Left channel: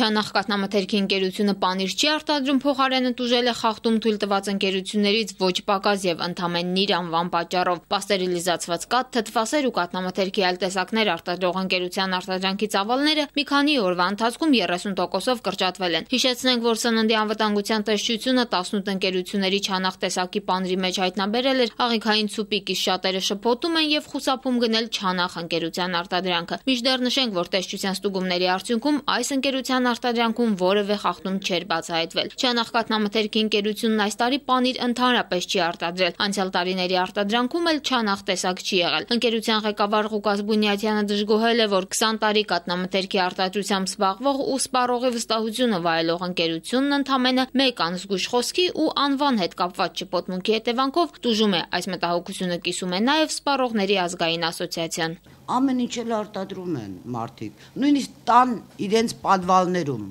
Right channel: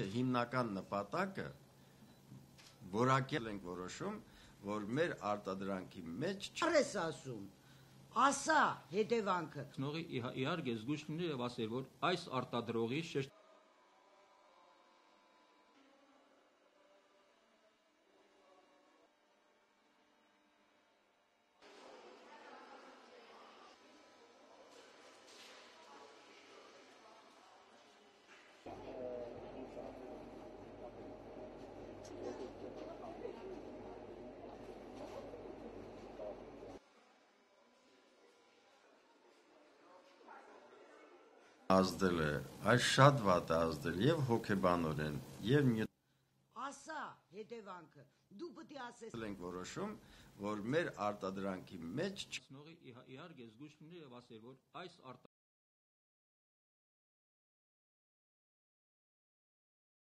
Չանախ կաթնամթերքի ընկերությունը պանիր չի արտադրում, փոխարենը տուժել է խախտում թույլ տված ընկերություններից ոչ պակաս եւ ընդամենն իր անվան պատճառով։ Պաստերիլիզացված կաթ, թթվասեր ու կաթնամթերքի այլ տեսակներ արտադրող ընկերության արտադրանքի ծավալները մի քանի օրվա ընթացքում 30%-ով կրճատվել են։ Հիշեցնենք, որ Սննդի անվտանգության տեսչությունը 18 ընկերությունների չանախ տեսակի պանիրի մեջ հայտնաբերել էր աղիքային ցուպիկ, իսկ շատերը շփոթում են եւ խուսափում գնել չանախ ընկերության արտադրանքը։ Մինչդեռ նշենք, որ տեսչության ստուգումների արդյունքում այս ընկերության արտադրանքում որևէ խախտում չէր բացահայտվել։ Չանախ կաթնամթերքի ընկերությունն այս տարի պանիր ընդհանրապես չի արտադրել։ Անցյալ տարիների արտադրանքում էլ չանախ տեսակ չի եղել։ Ընկերության ղեկավար Ղուկաս Բունյաթյանը դժգոհել է, որ 20 տարի կաթնամթերքի արտադրությամբ զբաղվող ու սպառողի վստահությունը վայելող ընկերությունն ընդամենը մեկ անզգույշ խոսքի ու անվան հետ կապված շփոթմունքի հետևանքով տուժում է։ Այս մտահոգությունը կիսում է նաև Սպառողների ազգային ասոցիացիան։ Ամեն ինչ էլ արտադրում են մարդիկ, նույնիսկ տան իրենց պատվալներում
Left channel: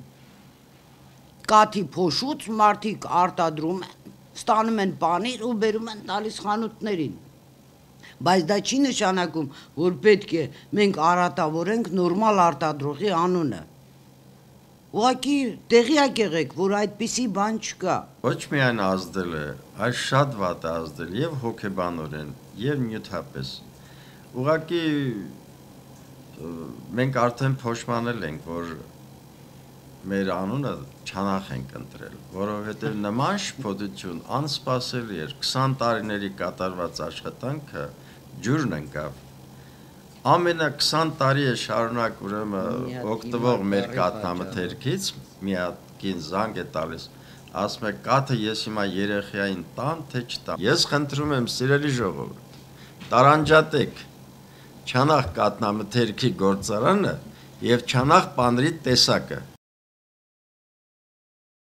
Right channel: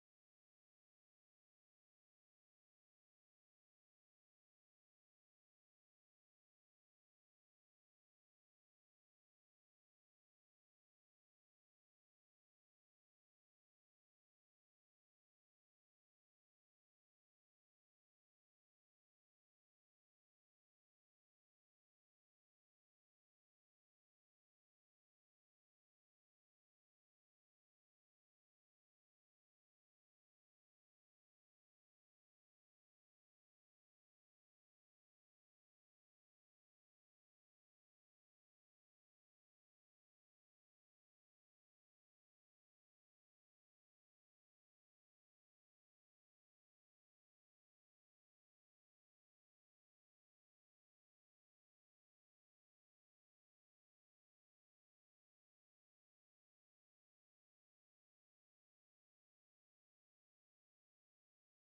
կաթի փոշուց մարդիկ արտադրում են, ստանում են պանիր ու բերում են տալիս խանութներին, բայց դա չի նշանակում, որ պետք է մենք արատավորենք նորմալ արտադրողի անունը, ուղղակի տեղյակ եղեք, որ այդպիսի բան չկա։ Ոչ միայն ազդել է, այլ շատ վատ է ազդել եւ հոգեբանորեն եւ նյութապես։ Ուղղակի մենք արդեն փոշմանել ենք, որ մեր անունը չանախ ենք ընտրել, որովհետև նման շփոթություն անսպասելի էր, 20 տարիների կատարված աշխատանքը ջուրն ընկավ։ Ամենը 20 տարի է շարունակ ուրեմն օգտվող մեր կաթնամթերքից մի հատ կին զանգ է տալիս, ասում է կաթը ես հիմա երեխային տամ, թե չտամ։ Ես խնդրում եմ սիրելի ժողովուրդ, տարանջատեք չանախ կաթնամթերքի գործարանը եւ չանախ պանիրի տեսակը,